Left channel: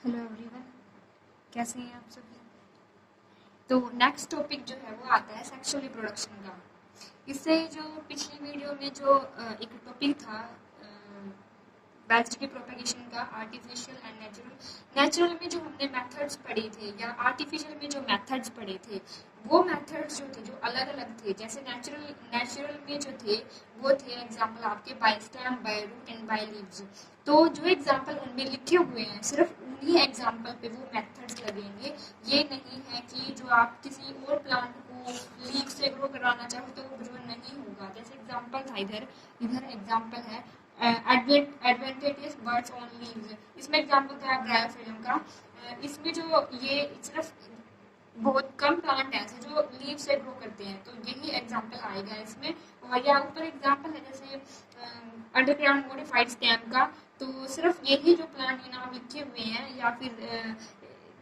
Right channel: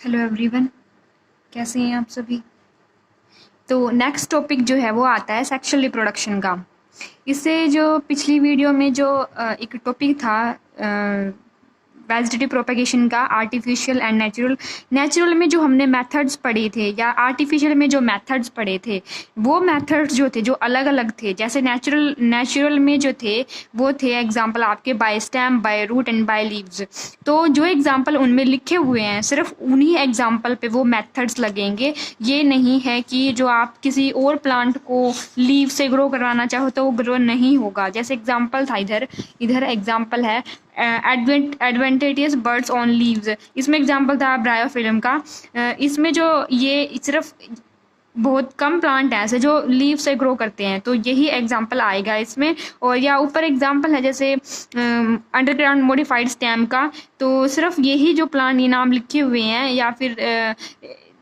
Hello everyone, कैसे हैं आप सभी। तो नेक्स्ट टॉपिक जो है वो आता है सेक्सुअल रिप्रोडक्शन का। इससे जो पिछली वीडियो में जो एक टॉपिक था वेजिटेटिव प्रोपेगेशन का, आर्टिफिशियल एंड नेचुरल। नेचुरल में जो हमने मेथड्स पढ़े थे या आर्टिफिशियल में जो मेथड्स पढ़े थे, वो मेथड्स जो थे जो अलग अलग थे। जैसे नेचुरल में जो थे वो थे एग्जांपल आपके by stem, by root and by leaves. तो जो एग्जांपल उनमें लिखे हुए हैं सिर्फ उन्हीं एग्जांपल पे वो मेथड्स लगेंगे। ये नहीं है कि जो आप किसी और प्लांट को लीव से ग्रो करवाना चाहो तो वो ग्रो नहीं होगा। जैसे एग्जांपल था, इधर इधर एग्जांपल है एडवेंटेटियस बर्ड्स ऑन लीव्स। इसमें एग्जांपल था ब्रायोफिल्म का। इसमें जो ये सिर्फ बहुत कम प्लांट हैं ऐसे जो लीव से ग्रो करते हैं, तो यही एग्जांपल आएगा इसमें। और या ऊपर एग्जांपल है जैसे अंडरग्राउंड मॉडिफाइड स्टेम का। तो सिर्फ यही जो प्लांट ये नाम लिखे हुए हैं या फिर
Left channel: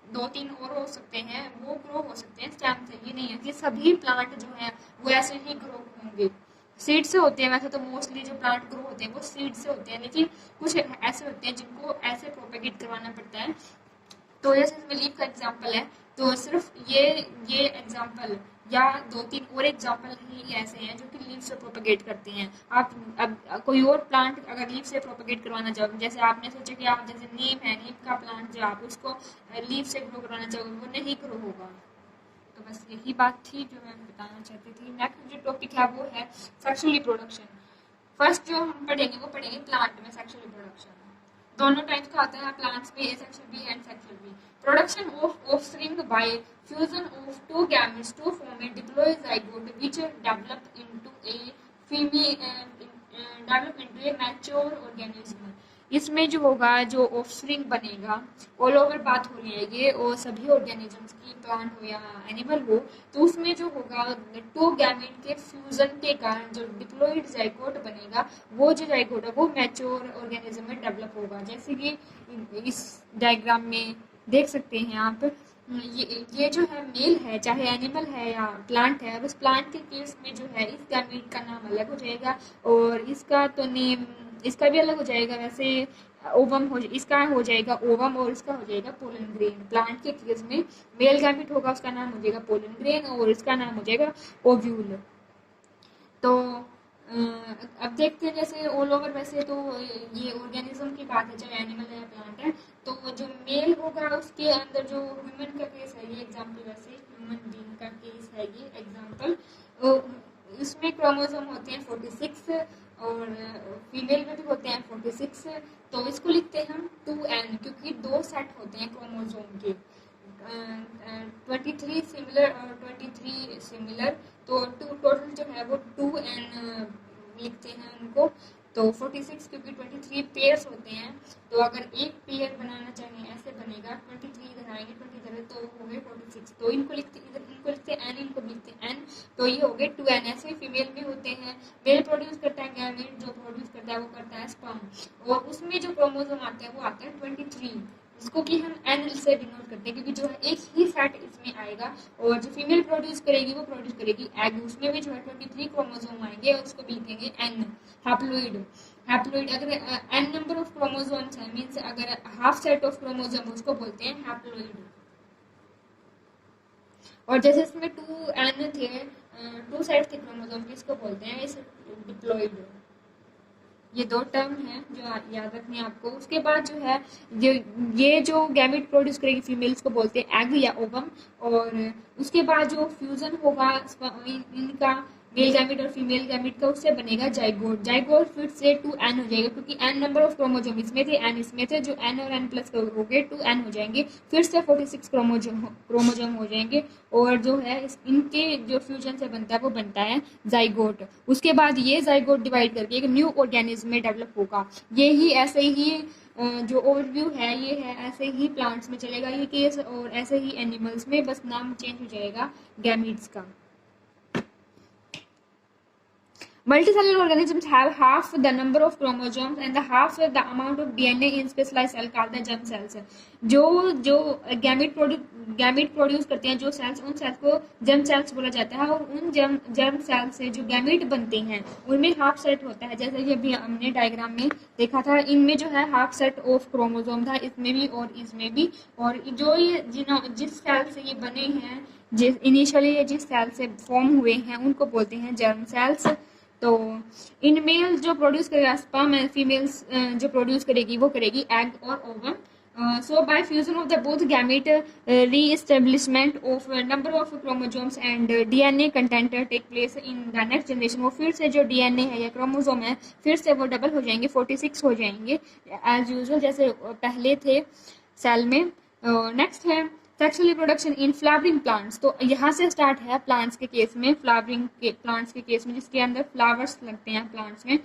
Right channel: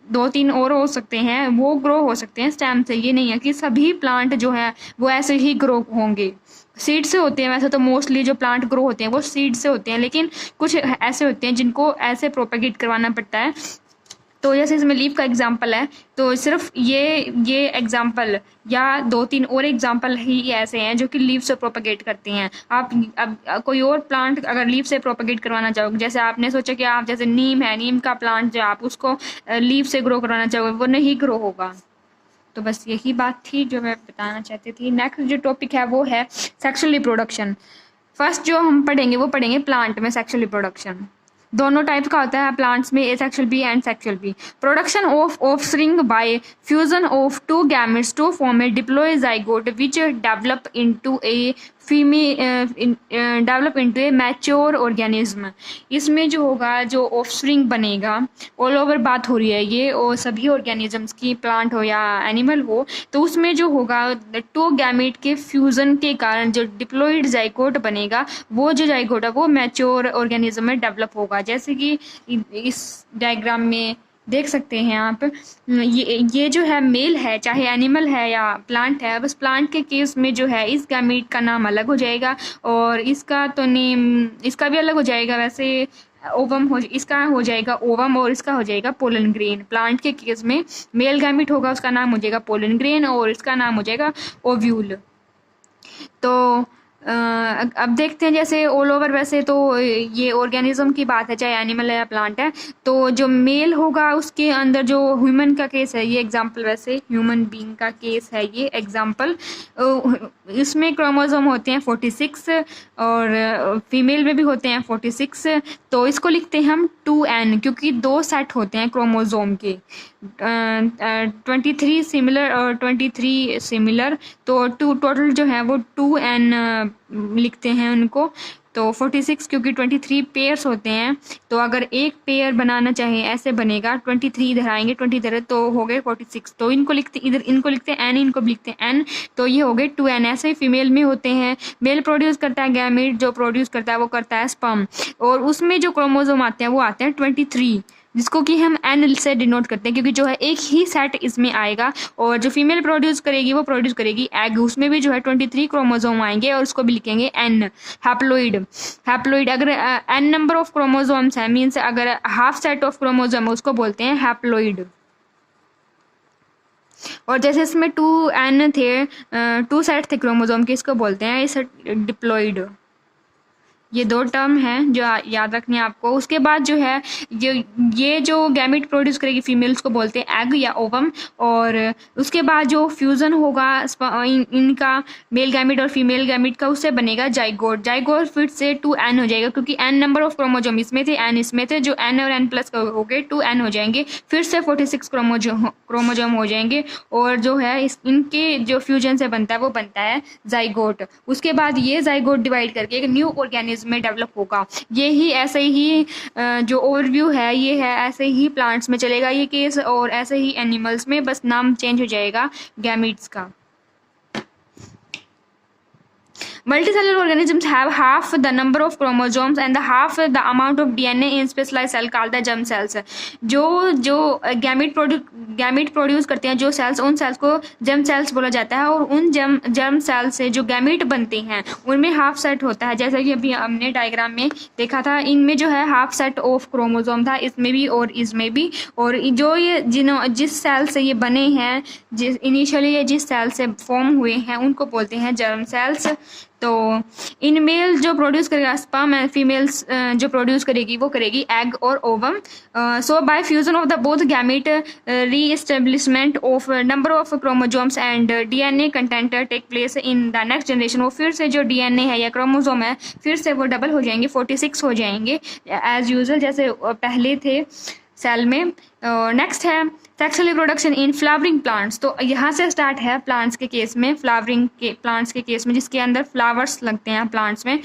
दो तीन और हो सकते हैं, वो ग्रो हो सकते हैं स्टेम से। ये नहीं है कि सभी प्लांट जो है वो ऐसे ही ग्रो होंगे। सीड से होते हैं वैसे तो मोस्टली जो प्लांट ग्रो होते हैं वो सीड से होते हैं, लेकिन कुछ ऐसे होते हैं जिनको ऐसे प्रोपेगेट करवाना पड़ता है। तो जैसे इसमें लीफ का एग्जांपल है, तो सिर्फ ये एग्जांपल या दो तीन और एग्जांपल ही ऐसे हैं जो कि लीफ से प्रोपेगेट करते हैं। आप अब कोई और प्लांट अगर लीफ से प्रोपेगेट करवाना चाहोगे, जैसे आपने सोचा कि आप जैसे नीम है, नीम का प्लांट जो आप उसको लीफ से ग्रो करवाना चाहोगे, वो नहीं ग्रो होगा। तो बस यही बात थी जो मैं बताना चाहती थी। नेक्स्ट जो टॉपिक है वो है सेक्सुअल रिप्रोडक्शन। फर्स्ट जो हम पढ़ेंगे वो पढ़ेंगे प्लांट में सेक्सुअल रिप्रोडक्शन। दोनों टाइप का होता है प्लांट्स में, एसेक्सुअल बी एंड सेक्सुअल बी। Production of offspring by fusion of two gametes to form a diploid zygote which develop into a develop into a mature organism. इसमें जो होगा जो ऑफस्प्रिंग बनेगा, ऑल ओवर बात हो रही है ये और सभी ऑर्गेनिजम्स की, प्लांट हो या एनिमल हो, तो उसमें जो होगा टू गैमेट के फ्यूजन के कारण जो डिप्लॉइड जाइगोट बनेगा, वो जो जाइगोट है वो मैच्योर ऑर्गेनिज्म में डेवलप होगा। जैसे कि इस डायग्राम में देख सकते हैं आप, ये जो है मेल है, चाहे एनिमल है या प्लांट है। बस प्लांट के केस में जो है इस गैमेट का नाम अलग हो जाएगा और इसका तो नेम इसका भी अलग हो जाएगा। वैसे ओवम हो, इसका हो जाएगा ओवम और इसका हो जाएगा पोलन ग्रेन। प्लांट के केस में मेल गैमेट होगा, उसका नाम हो जाएगा पोलन ग्रेन और इसका नाम हो जाएगा ओव्यूल। तो अब देखते हैं जैसे ऑल ओवर, वैसे तो ये ऑर्गेनिज्म की बात है, चाहे एनिमल है या प्लांट है। तो जो मेल होगा उसके अंदर जो ह्यूमन का केस है, ये एग्जांपल, वैसे ह्यूमन बीइंग का केस है ये एग्जांपल। इसमें क्रोमोसोम होते हैं 46 और फीमेल में भी होते हैं 46। तो इसको लिखते हैं हम 2n, क्योंकि दो सेट होते हैं क्रोमोसोम के, 23 सिमिलर और 23 सिमिलर। तो टोटल जो है वो 2n लिखते हैं उनको। तो 46 क्योंकि 23 पेयर्स होते हैं, तो अगर एक पेयर बनाना चाहे ऐसे बनेगा, 23 इधर आएंगे, 20 इधर, तो हो गए 46। तो इनको लिखते, इधर इनको लिखते हैं n, इनको भी लिखते हैं n। तो ये हो गए 2n। ऐसे ही फीमेल में होते हैं, मेल प्रोड्यूस करता है गैमेट, जो प्रोड्यूस करता है वो करता है स्पर्म, और उसमें जो क्रोमोसोम आते हैं वो आते हैं 23, जिसको कि हम एन से डिनोट करते हैं, क्योंकि जो है एक ही सेट इसमें आएगा। और जो फीमेल प्रोड्यूस करेगी वो प्रोड्यूस करेगी एग, उसमें भी जो है 23 क्रोमोसोम आएंगे और उसको भी लिखेंगे एन, हैप्लोइड। हैप्लोइड अगर एन नंबर ऑफ क्रोमोसोम्स है, मीन्स अगर हाफ सेट ऑफ क्रोमोसोम है, उसको बोलते हैं हैप्लोइड। और जैसे इसमें 2n थे, 2 सेट थे क्रोमोसोम के, इसको बोलते हैं इस डिप्लॉइड। ये दो टर्म हैं जो याद रखनी है आपको। उसके बाद जो है ये जो गैमेट प्रोड्यूस करेगी फीमेल, उसको बोलते हैं एग या ओवम। और उसके बाद जो फ्यूजन होगा इनका, मेल गैमेट और फीमेल गैमेट का, उससे बनेगा जाइगोट। जाइगोट फिर से 2n हो जाएगा, क्योंकि n नंबर ऑफ क्रोमोसोम इसमें थे, n इसमें थे, जो n और n प्लस हो गए 2n हो जाएंगे। फिर से 46 क्रोमोसोम हो जाएंगे और जो है इनके जो फ्यूजन से बनता है वो बनता है जाइगोट। उसके बाद ये जाइगोट डिवाइड करके एक न्यू ऑर्गेनिज्म में डेवलप होगा। ये ही ऐसे ही जो ओवरव्यू है ये है, ऐसे ही प्लांट्स में चलेगा ये केस, और ऐसे ही एनिमल्स में, बस नाम चेंज हो जाएगा गैमीट्स का। Multicellular organisms have half the number of chromosomes and half the amount of DNA in specialized cell called the germ cells. जो गैमीट प्रोड्यूस करते हैं जो सेल्स, उन सेल्स को जर्म सेल्स बोला जाता है, और उन जर्म सेल्स से जो गैमीट बनते हैं उनमें हाफ सेट होता है, जैसा कि अभी हमने डायग्राम में देखा था। इनमें जो है हाफ सेट ऑफ क्रोमोसोम था, इसमें भी और इसमें भी। और जो ये जिस सेल से ये बने हैं, इनिशियली ये जिस सेल से फॉर्म हुए हैं उनको बोलते हैं जर्म सेल्स। तो इन मेल जो प्रोड्यूस करेगा स्पर्म, एंड फीमेल्स जो प्रोड्यूस करेगी वो करेगी एग और ovum. So by fusion of the both gamete reestablishment of number of chromosomes and DNA content take place in the next generation. वो फिर से जो डीएनए है या क्रोमोसोम है फिर से वो डबल हो जाएंगे, 46 हो जाएंगे एज यूजुअल जैसे पहले थे सेल में। नेक्स्ट है sexual reproduction in flowering plants. तो यहाँ से स्टार्ट है प्लांट्स के केस में, फ्लावरिंग के प्लांट्स के केस में जिसके अंदर फ्लावर्स लगते हैं प्लांट्स में।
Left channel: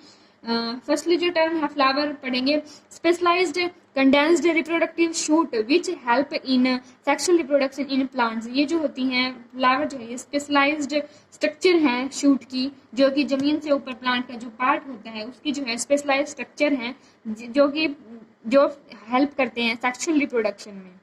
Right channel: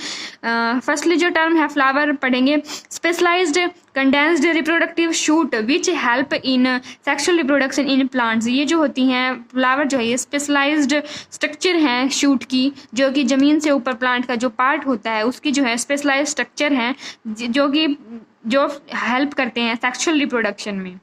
फर्स्टली जो टर्म है फ्लावर पढ़ेंगे, specialised condensed reproductive shoot which help in sexual reproduction in plants. ये जो होती हैं फ्लावर जो है ये स्पेशलाइज्ड स्ट्रक्चर हैं शूट की, जो कि ज़मीन से ऊपर प्लांट का जो पार्ट होता है उसकी जो है स्पेशलाइज्ड स्ट्रक्चर हैं जो हेल्प करते हैं सेक्सुअल रिप्रोडक्शन में।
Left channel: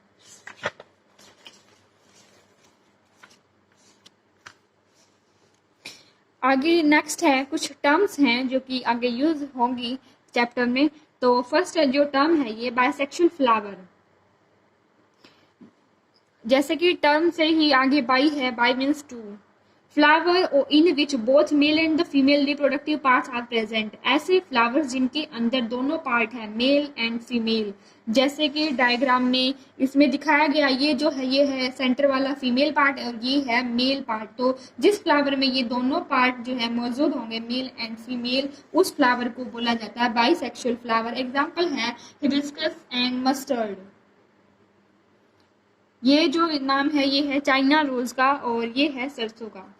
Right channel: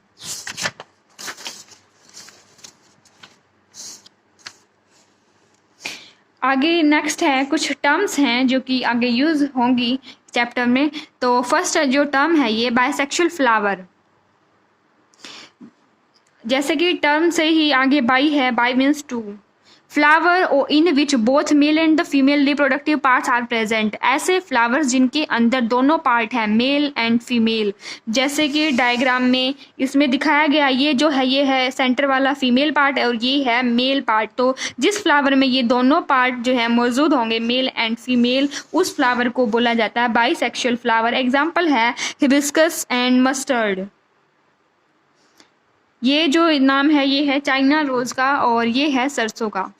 आगे नेक्स्ट है कुछ टर्म्स हैं जो कि आगे यूज़ होंगी चैप्टर में। तो फर्स्ट जो टर्म है ये बायसेक्सुअल फ्लावर। जैसे कि टर्म से ही आगे बाई है, bi means two, flower in which both male and the female reproductive parts are present. ऐसे फ्लावर्स जिनके अंदर दोनों पार्ट हैं मेल एंड फीमेल, जैसे कि डायग्राम में इसमें दिखाया गया ये है सेंटर वाला फीमेल पार्ट और ये है मेल पार्ट। तो जिस फ्लावर में ये दोनों पार्ट जो है मौजूद होंगे मेल एंड फीमेल, उस फ्लावर को बोला जाता है बाईसेक्सुअल फ्लावर। एग्जाम्पल है हिबिस्कस एंड मस्टर्ड। ये जो नाम है ये है चाइना रोज का और ये है सरसों का।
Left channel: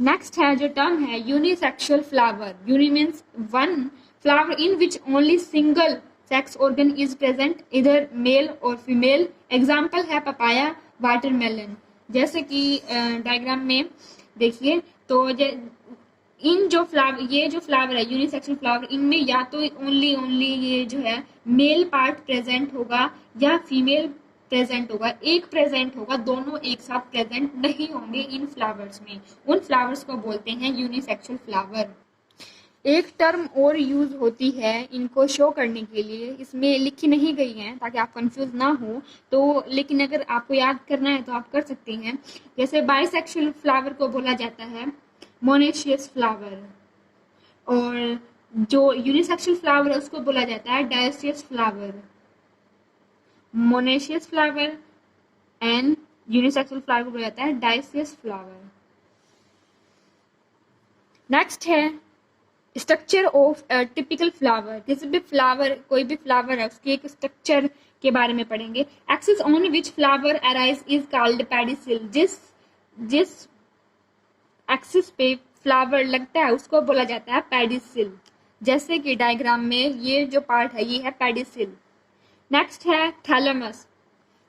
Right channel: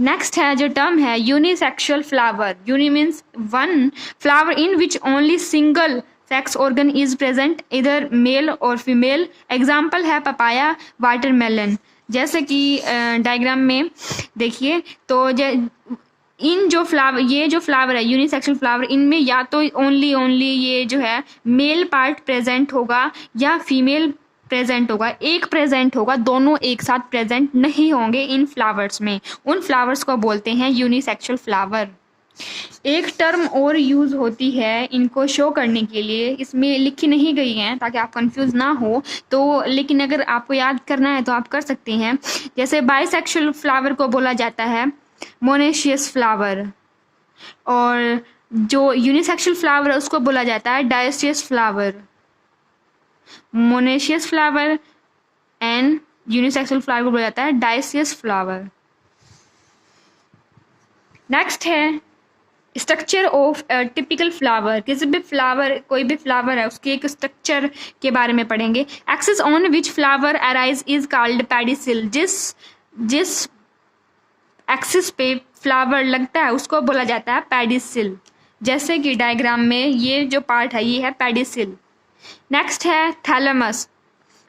नेक्स्ट है जो टर्म है unisexual flower. Uni means one, flower in which only single sex organ is present इधर मेल और फीमेल। एग्जाम्पल है पपाया, वाटरमेलन। जैसे कि डायग्राम में देखिए तो इन जो फ्लावर ये जो फ्लावर है यूनिसेक्सुअल फ्लावर, इनमें या तो ओनली ये जो है मेल पार्ट प्रेजेंट होगा या फीमेल प्रेजेंट होगा, एक प्रेजेंट होगा, दोनों एक साथ प्रेजेंट नहीं होंगे इन फ्लावर्स में। उन फ्लावर्स को बोलते हैं यूनिसेक्सुअल फ्लावर। एक टर्म और यूज़ होती है इनको शो करने के लिए, इसमें लिखी नहीं गई हैं ताकि आप कंफ्यूज ना हो, तो लेकिन अगर आपको याद करना है तो आप कर सकते हैं। जैसे बाइसेक्सुअल फ्लावर को बोला जाता है मोनेशियस फ्लावर, और जो यूनिसेक्सुअल फ्लावर है उसको बोला जाता है dioecious flower. Monoecious flower and unisexual flower को बोला जाता है डायोसियस फ्लावर। नेक्स्ट है स्ट्रक्चर ऑफ टिपिकल फ्लावर। किसी भी फ्लावर, कोई भी फ्लावर है उसके एक स्ट्रक्चर के बारे में पढ़ेंगे। Axis on which flower arise is called pedicel. जिस एक्सिस पे फ्लावर लगता है उसको बोला जाता है पेडिसिल। जैसे कि डायग्राम में ये जो पार्ट है ये है पेडिसिल। नेक्स्ट है thalamus,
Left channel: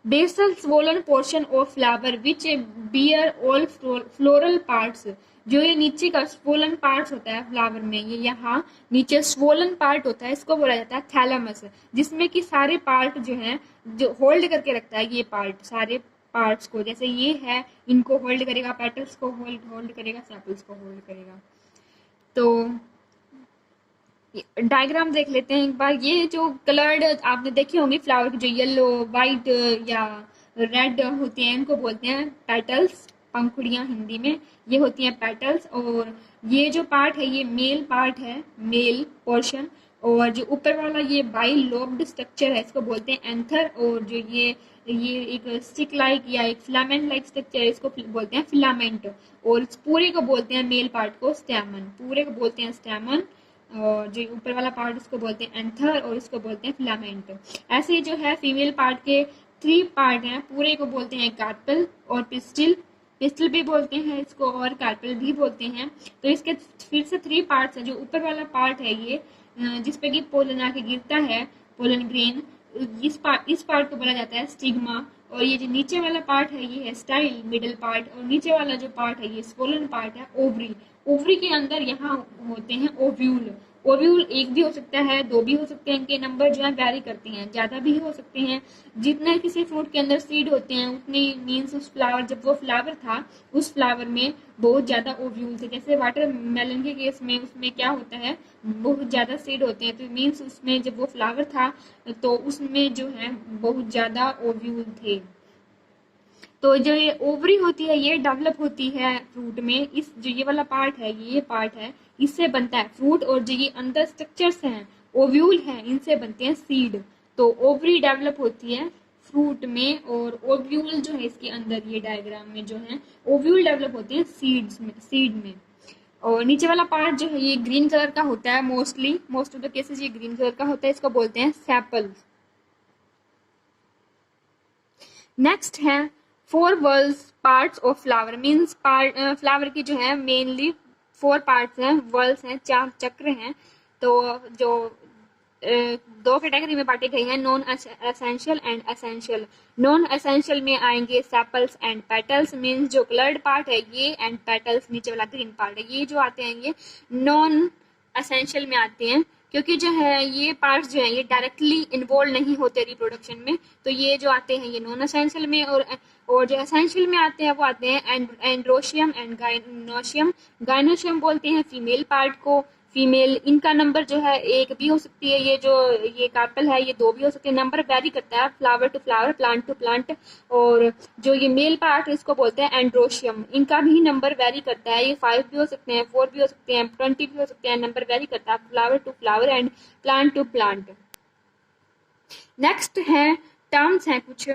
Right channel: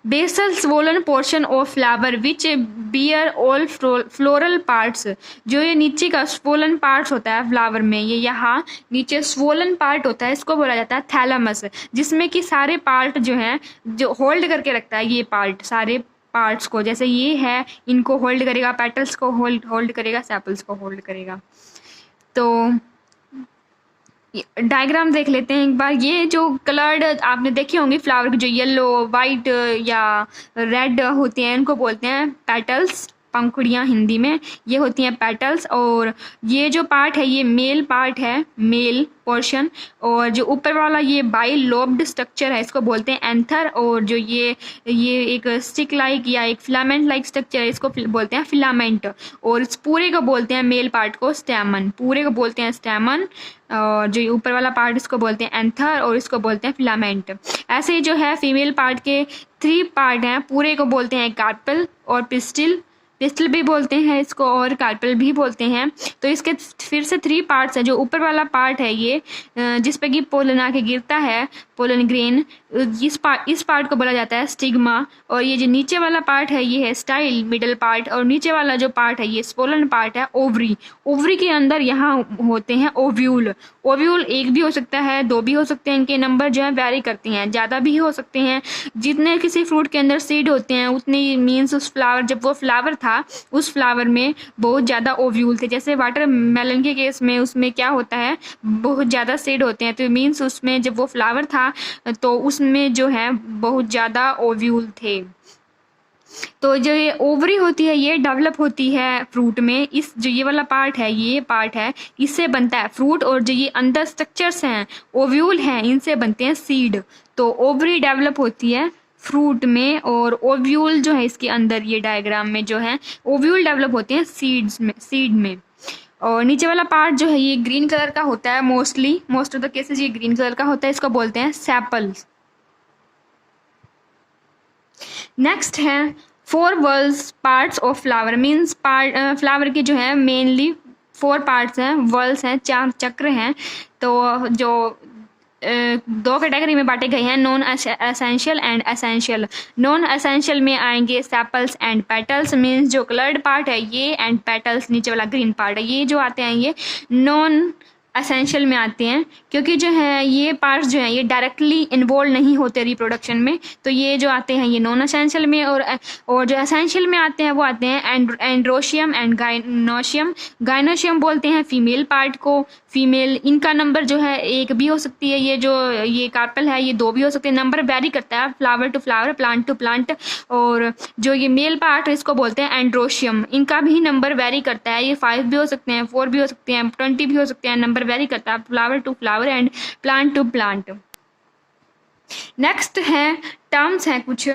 basal swollen portion of flower which bear all floral parts. जो ये नीचे का स्वोलन पार्ट होता है फ्लावर में, ये यहाँ नीचे स्वोलन पार्ट होता है, इसको बोला जाता है थैलेमस, जिसमें कि सारे पार्ट जो हैं जो होल्ड करके रखता है ये पार्ट, सारे पार्ट्स को। जैसे ये है इनको होल्ड करेगा, पेटल्स को होल्ड करेगा, सेपल्स को होल्ड करेगा। तो डायग्राम देख लेते हैं एक बार। ये जो कलर्ड आपने देखे होंगे फ्लावर के, जो येलो, वाइट या रेड होते हैं, इनको बोलते हैं पेटल्स, पंखुड़ियाँ हिंदी में, ये होती हैं पेटल्स। और ये जो पार्ट है ये मेल पार्ट है, मेल पोर्शन। और जो ऊपर वाला ये बाई लोब्ड स्ट्रक्चर है इसको बोलते हैं एंथर। और जो ये एक स्टिक लाइक या एक फिलामेंट लाइक स्ट्रक्चर है इसको बोलते हैं फिलामेंट। और इस पूरे को बोलते हैं मेल पार्ट को स्टैमन, पूरे को बोलते हैं स्टैमन। और जो ऊपर वाला पार्ट इसको बोलते हैं एंथर और इसको बोलते हैं फिलामेंट। ऐसे ही जो है फीमेल पार्ट के 3 पार्ट हैं, पूरे को बोलते हैं कार्पेल और पिस्टिल, पिस्टल भी बोलते हैं इसको और कार्पेल भी बोलते हैं। तो इसके फिर से 3 पार्ट्स हैं। जो ऊपर वाला पार्ट है ये जिस पे कि पोलन आके गिरता है, पोलन ग्रेन, इस पार्ट को बोला जाता है स्टिग्मा। और ये जो नीचे वाला पार्ट है ये है स्टाइल, मिडल पार्ट। और नीचे वाला जो पार्ट है ये स्पोलन पार्ट है, ओवरी। ओवरी के अंदर यहाँ होते हैं ओव्यूल। ओव्यूल एक भी हो सकता है, 2 भी हो सकते हैं, इनके नंबर जो है वैरी करते हैं, ज़्यादा भी हो सकते हैं। जितने किसी फ्रूट के अंदर सीड होते हैं उतनी मीन्स उस फ्लावर, जब वो फ्लावर था उस फ्लावर में बहुत ज़्यादा ओव्यूल थे। जैसे वाटर मेलन के केस में उसमें क्या होता है, बहुत ज़्यादा सीड होते हैं, तो मीन्स उसमें जब वो फ्लावर था तो उसमें जो है बहुत ज़्यादा ओव्यूल थे। तो जो ये ओवरी होती है ये डेवलप होती है फ्रूट में। इस जो ये वाला पार्ट है, ये पार्ट है, इससे बनता है फ्रूट। और जो ये अंदर स्ट्रक्चर्स हैं, ओव्यूल हैं, इनसे बनते हैं सीड। तो ओवरी डेवलप होती है फ्रूट में और ओव्यूल जो है इसके अंदर, ये डायग्राम में जो है ओव्यूल डेवलप होते हैं सीड में। और नीचे वाला पार्ट जो है ये ग्रीन कलर का होता है, मोस्ट ऑफ द केसेस ये ग्रीन कलर का होता है। इसको बोलते हैं सेपल्स। नेक्स्ट है 4 whorls parts of flower. Means flower के जो है मेनली 4 पार्ट्स हैं, वर्ल्स हैं, 4 चक्र हैं। तो जो 2 कैटेगरी में बांटे गए हैं, non essential and essential. Non essential में आएंगे सेपल्स एंड पेटल्स। मीन्स जो कलर्ड पार्ट है ये एंड पेटल्स नीचे वाला ग्रीन पार्ट है, ये जो आते हैं ये नॉन एसेंशियल में आते हैं। क्योंकि जो है ये पार्ट्स जो हैं ये डायरेक्टली इन्वॉल्व नहीं होते रिप्रोडक्शन में, तो ये जो आते हैं ये नॉन एसेंशियल में। और जो एसेंशियल में आते हैं वो आते हैं एंड्रोशियम एंड गाइनोशियम। गाइनोशियम बोलते हैं फीमेल पार्ट को। फीमेल, इनका नंबर जो है 1 भी हो सकती है, ये कार्पेल है ये 2 भी हो सकते हैं। नंबर वेरी करता है flower to flower, plant to plant. और जो ये मेल पार्ट है इसको बोलते हैं एंड्रोशियम। इनका भी नंबर वेरी करता है, ये 5 भी हो सकते हैं, 4 भी हो सकते हैं, 20 भी हो सकते हैं। नंबर वेरी करता है flower to flower and plant to plant. Next है टर्म्स हैं कुछ।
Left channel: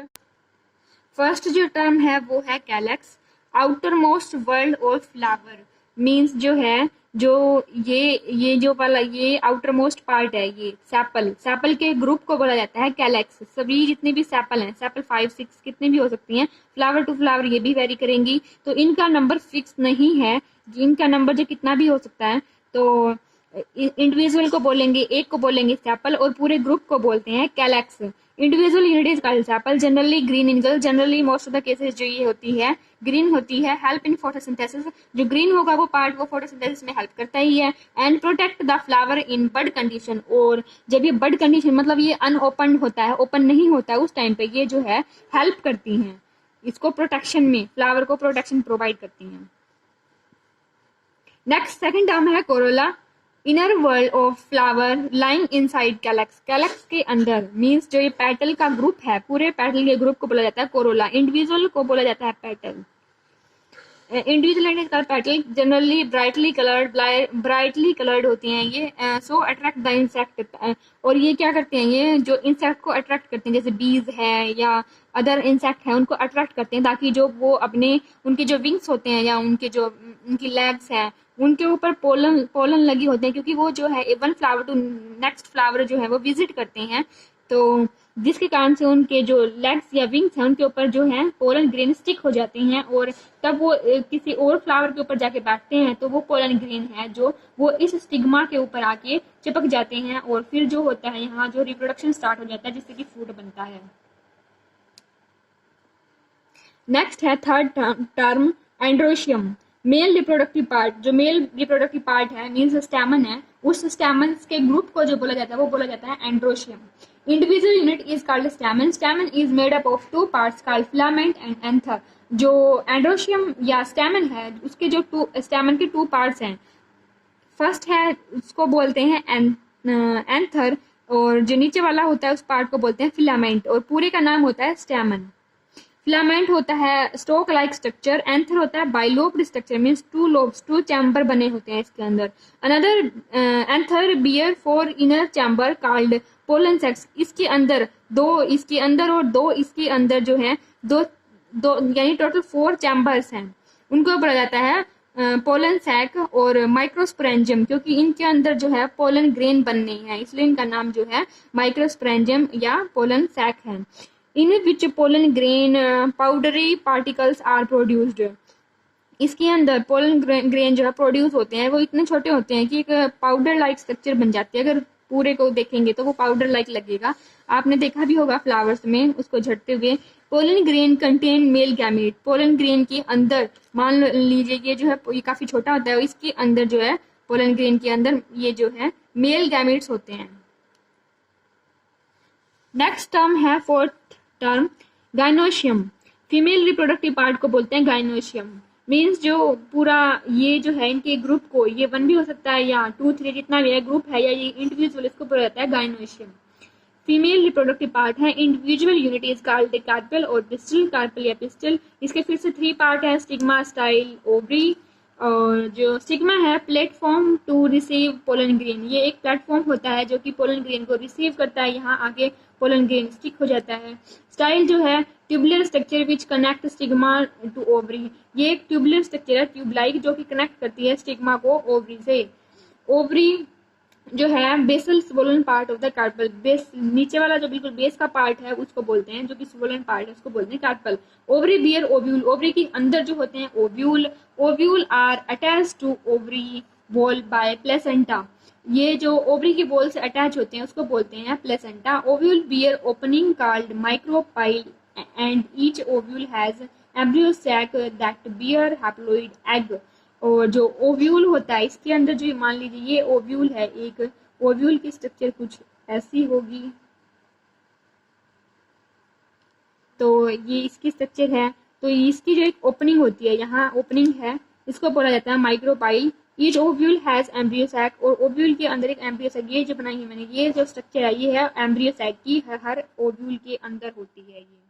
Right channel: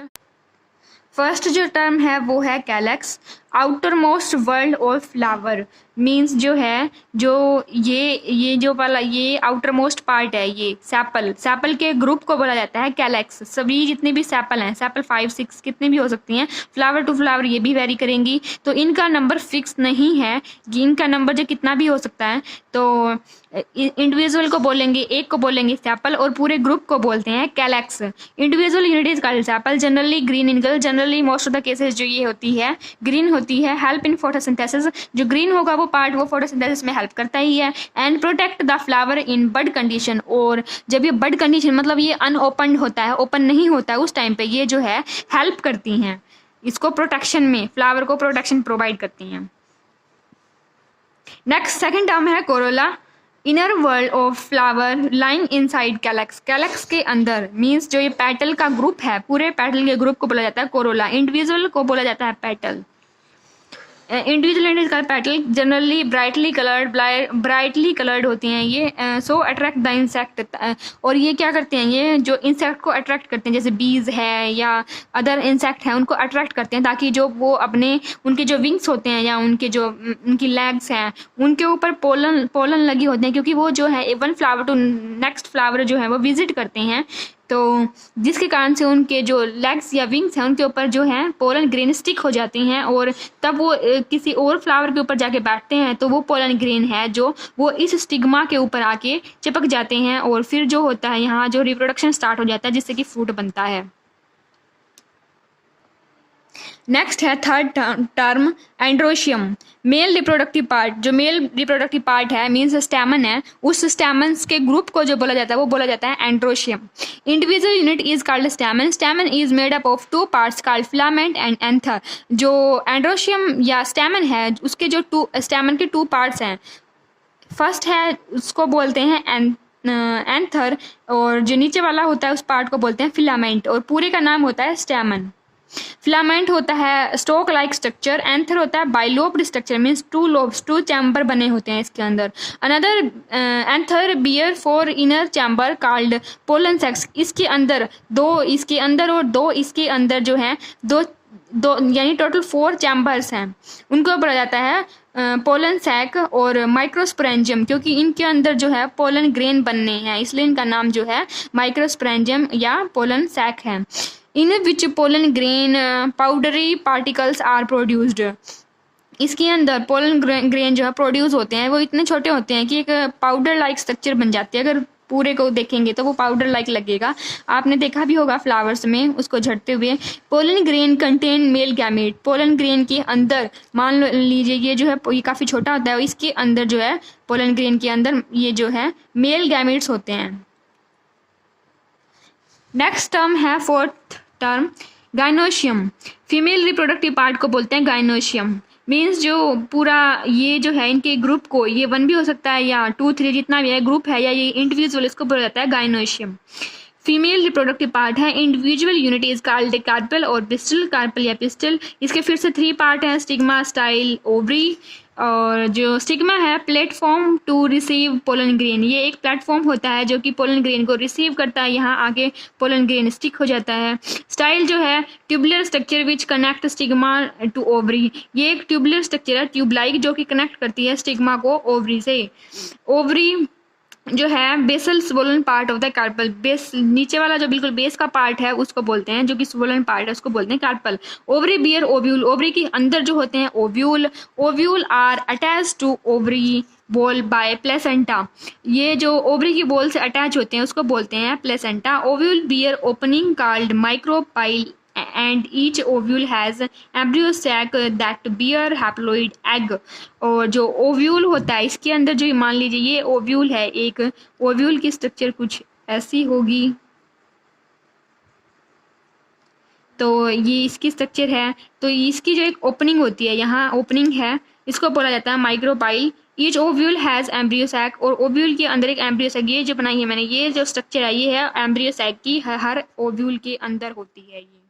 फर्स्ट जो टर्म है वो है calyx, outermost whorl of flower. Means जो है जो ये जो वाला ये आउटर मोस्ट पार्ट है, ये सैपल के ग्रुप को बोला जाता है कैलेक्स। सभी जितने भी सैपल हैं, सैपल 5, 6 कितने भी हो सकती हैं, फ्लावर टू फ्लावर ये भी वेरी करेंगी। तो इनका नंबर फिक्स नहीं है, इनका नंबर जो कितना भी हो सकता है। तो इंडिविजुअल को बोलेंगे, एक को बोलेंगे सैपल, और पूरे ग्रुप को बोलते हैं calyx. Individual unit is called sepal, generally green in colour. Generally most of the cases जो ये होती है ग्रीन होती है। हेल्प इन फोटोसिंथेसिस, जो ग्रीन होगा वो पार्ट वो फोटोसिंथेसिस में हेल्प करता ही है। And protect the flower in bud condition, और जब ये बड कंडीशन मतलब ये अनओपन होता है, ओपन नहीं होता है, उस टाइम पे ये जो है हेल्प करती हैं इसको प्रोटेक्शन में, फ्लावर को प्रोटेक्शन प्रोवाइड करती हैं। नेक्स्ट सेकंड टर्म है Corolla, inner world of flower lying inside calyx. Calyx के अंदर मीन्स जो ये पेटल का ग्रुप है, पूरे पेटल के ग्रुप को बोला जाता है कोरोला। इंडिविजुअल को बोला जाता है petal. Individual and petal generally brightly coloured होती हैं ये, सो अट्रैक्ट द इंसेक्ट। और ये क्या करते हैं, ये जो इंसेक्ट को अट्रैक्ट करते हैं, जैसे बीज है या अदर इंसेक्ट हैं उनको अट्रैक्ट करते हैं, ताकि जो वो अपने उनके जो विंग्स होते हैं या उनके जो उनकी लेग्स हैं उनके ऊपर पोलन लगी होती हैं, क्योंकि वो जो है one flower to next flower जो है वो विजिट करते हैं। तो जिसके कारण से उनके जो लेग्स या विंग्स हैं उनके ऊपर जो है पोलन ग्रेन स्टिक हो जाते हैं, और तब वो किसी और फ्लावर के ऊपर जाके बैठते हैं तो वो पोलन ग्रेन है जो वो इस स्टिग्मा के ऊपर आके चिपक जाते हैं, और फिर जो होता है यहाँ जो रिप्रोडक्शन स्टार्ट हो जाता है जिससे कि फ्रूट बनता है। नेक्स्ट है third term androecium, male reproductive part. जो मेल रिप्रोडक्टिव पार्ट है मीन्स स्टैमन है, उस स्टैमन्स के ग्रुप को जो बोला जाता है वो बोला जाता है androecium. Individual unit is called stamen. Stamen is made up of 2 parts called filament and anther. जो एंड्रोशियम या स्टैमन है उसके जो स्टैमन के 2 पार्ट्स हैं, फर्स्ट है उसको बोलते हैं एंथर, और जो नीचे वाला होता है उस पार्ट को बोलते हैं फिलामेंट, और पूरे का नाम होता है स्टैमन। फिलामेंट होता है स्टोक लाइक स्ट्रक्चर, एंथर होता है bilobed structure, means 2 lobes, 2 chamber बने होते हैं इसके अंदर। Another anther bear 4 inner chamber called pollen sacs. इसके अंदर 2 इसके अंदर और 2 इसके अंदर जो है दो यानी टोटल 4 चैम्बर्स हैं, उनको बोला जाता है पोलन सैक और माइक्रोस्पोरेंजियम, क्योंकि इनके अंदर जो है पोलन ग्रेन बनने हैं, इसलिए इनका नाम जो है माइक्रोस्पोरेंजियम या पोलन सैक है। In which pollen grain powdery particles are produced, इसके अंदर पोलन ग्रेन जो है प्रोड्यूस होते हैं वो इतने छोटे होते हैं कि एक पाउडर लाइक स्ट्रक्चर बन जाती है। अगर पूरे को देखेंगे तो वो पाउडर लाइक लगेगा, आपने देखा भी होगा फ्लावर्स में उसको झड़ते हुए। Pollen grain contain male gamete, pollen grain के अंदर मान लीजिए ये जो है ये काफ़ी छोटा होता है, इसके अंदर जो है पोलन ग्रेन के अंदर ये जो है मेल गैमेट्स होते हैं। नेक्स्ट टर्म है fourth term gynoecium, female reproductive part को बोलते हैं गाइनोशियम। मीन्स जो पूरा ये जो है इनके ग्रुप को, ये 1 भी हो सकता है या 2 3 जितना भी है ग्रुप है या ये इंडिविजुअल, इसको बोला जाता है गाइनोशियम। फीमेल रिप्रोडक्टिव पार्ट है, individual unit is called carpel और पिस्टल, कार्पल या पिस्टल। इसके फिर से 3 पार्ट है, स्टिग्मा, स्टाइल, ओवरी। और जो स्टिग्मा है platform to receive pollen grain, ये एक प्लेटफॉर्म होता है जो कि पोलन ग्रेन को रिसीव करता है, यहाँ आगे पोलन ग्रेन स्टिक हो जाता है। स्टाइल जो है tubular structure which connect stigma to ovary, ये एक ट्यूबुलर स्ट्रक्चर है ट्यूब लाइक जो कि कनेक्ट करती है स्टिग्मा को ओवरी से। ओवरी जो है basal swollen part of the carpel, base नीचे वाला जो बिल्कुल बेस का पार्ट है उसको बोलते हैं, जो कि स्वोलन पार्ट है उसको बोलते हैं carpel. Ovary bear ovule, ovary के अंदर जो होते हैं ovule, ovule are attach to ovary wall by placenta, ये जो ओवरी की बॉल से अटैच होते हैं उसको बोलते हैं placenta. Ovule bear opening called micropyle and each ovule has embryo sac that bear haploid egg, और जो ओव्यूल होता है इसके अंदर जो मान लीजिए ये ओव्यूल है, एक ओव्यूल की स्ट्रक्चर कुछ ऐसी होगी, तो ये इसकी स्ट्रक्चर है। तो इसकी जो एक ओपनिंग होती है, यहाँ ओपनिंग है, इसको बोला जाता है micropyle. Each ovule has embryo sac, और ओव्यूल के अंदर एक एम्ब्रियो सैक, ये जो बनाई है मैंने, ये जो स्ट्रक्चर है ये है एम्ब्रियो सैक की, हर ओव्यूल के अंदर होती है ये।